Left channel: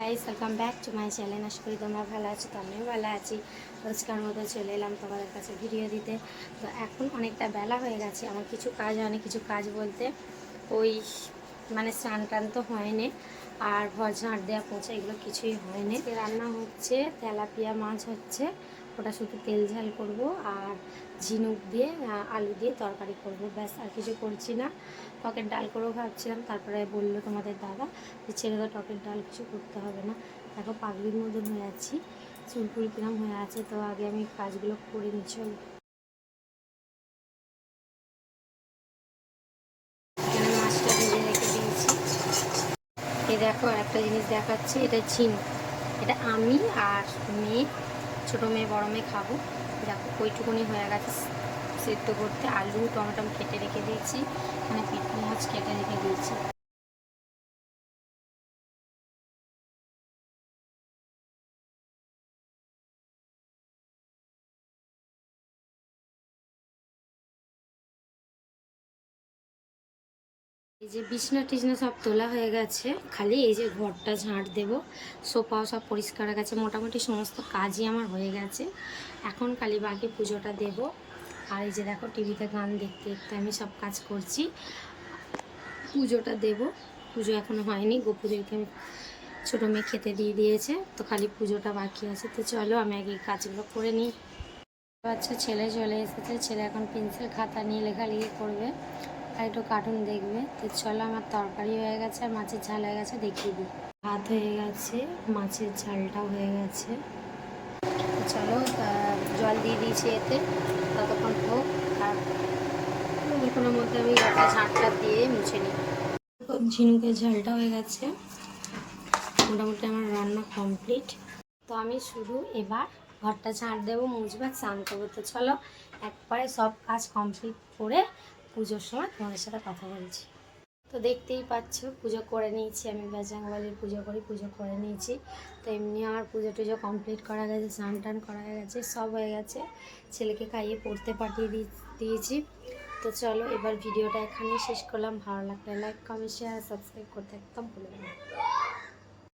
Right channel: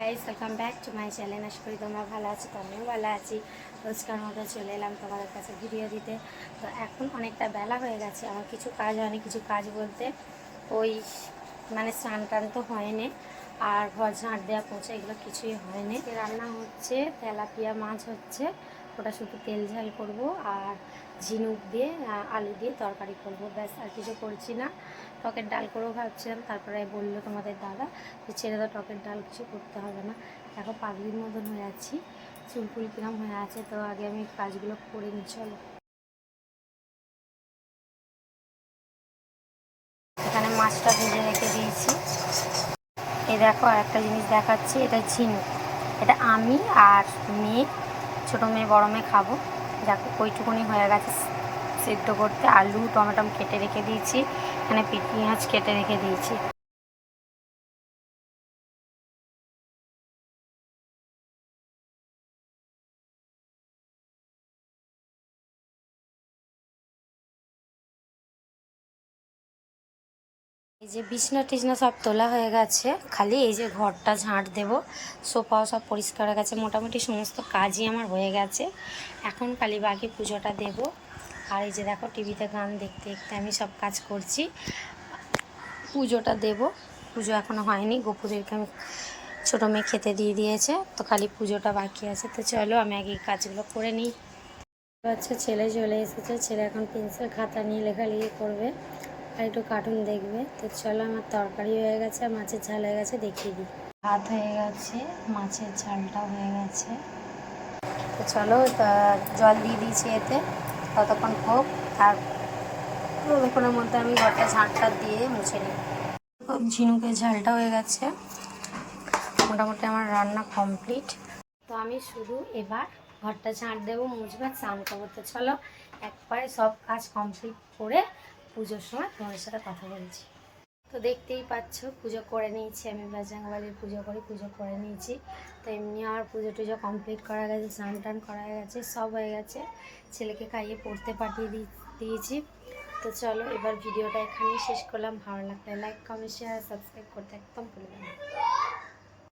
Guys welcome back to my channel আশা করি তোমরা ভালো আছো, তো আমিও ভালো আছি। রোজকার মতো চলে এলাম তোমাদের কাছে ভিডিও দিতে। তো এখন অনেকটা বেলা হয়ে গেছে, আমার কিছু কাজ হয়নি, কিছু কাজ বলতে ওই মানে স্নান টান তো হয়নি। আর ঘর ঝাঁট দেওয়া পৌঁছে, এগুলো কিছুই হয়নি। রান্না হচ্ছে, তেলাপিয়া মাছ হচ্ছে। ওটা শুধু তেল ঝাল করব আর ঝিনুক দিয়ে আলু দিয়ে তরকারি করব। ব্যাস, আর কিছু করছি না। টকের ডাল করেও ভাবছিলাম, তারপরে বলল তোমাদের দাদা যে ছেড়ে দাও, টকের ডাল কিছু করতে হবে না। দেখো, পাগলির মতন হয়ে আছি চুলকুল কিরম হয়ে আছে, তো আগে আমি কাজগুলো করে নিই, চলো। এখানে মাছটা ভেজে রেখে এই দেখো আর একটা জিনিস দেখাচ্ছি, এটা ঝিনুক। এটা আমি আর মেয়ে, ছোটো মেয়ে, বড়ো মেয়ে খাব। দেখো ওইটুকুনি হয়ে গেছে সেদ্ধ করতে। আলু টমেটম কেটে রেখে দিয়েছি। এখানে পেঁয়াজ কেটে রেখে দিয়েছি। এই যে বিছনা টিছনা সব তোলা হয়ে গেছে। খালি এই যে ঘরটা ঝাঁট দেব, সোফাও সব পরিষ্কার হয়ে গেছে, মোটামুটি সমস্ত কাজই আমার হয়ে গেছে। এখন খালি বাকি পুজোটা দেব। আর এই যে দেখো টিভিতে গান দেখতে দেখতে আমি সব কাজ করছি। পুজোটা দেব। পুজো এখনও হয়নি গোপুদেরকে আমি ছোটো মেয়ে খেতে দিয়ে দিয়েছে, তো খালি পুজোটা বাকি আছে। তো চলো আমি আগে কাজগুলো করে নিই। বাচ্চা ছেলে চলে এসেছে, ছেলে এখন পেন্সিল খাতা নিয়ে লেখালেখি করবে। আর একটু কার্টুন দেখবে। তো চলো আমার তরকারি হয়ে গেছে আর মাছের ঝাল হয়ে গেছে, দেখিয়ে দিই। ভাত হয়ে গেছে, মাছের ঝালটা হয়ে গেছে। তো চলো জল দিয়ে দিয়েছি এতে, ততক্ষণ হোক। তার ততক্ষণের মধ্যে আমি ঘরটা ঝাঁটটা দিয়ে মুছে নিই। ঝিনুকের ঝালটা হয়ে গেছে। মোটামুটি আমার রান্না কমপ্লিট তো আমি শুধু এবার ঘরটা ঝাঁট দেবো, মুছবো আর স্নান করব। তো চলো, একবারে সব কাজ কমপ্লিট করে পুজোর সময় তোমাদের সাথে কথা বলছি। তো দেখতেই পাচ্ছ, পুজো করে নিয়েছি আমি বাজরাঙ্গবালির পুজো করি, পুজো করে নিয়েছি। তো এমনি আমার পুজো টুজো কমপ্লিট করা গেছে, স্নান টান করা গেছে, সব হয়ে গেছে। ছেলেকে খাইয়ে পড়তে পাঠিয়ে দিয়েছি। তো চলো এবার ভিডিওটা এখানেই শেষ করলাম। ভালো লাগলে লাইক কমেন্ট শেয়ার সাবস্ক্রাইব করতে একদম ভুলবেন না।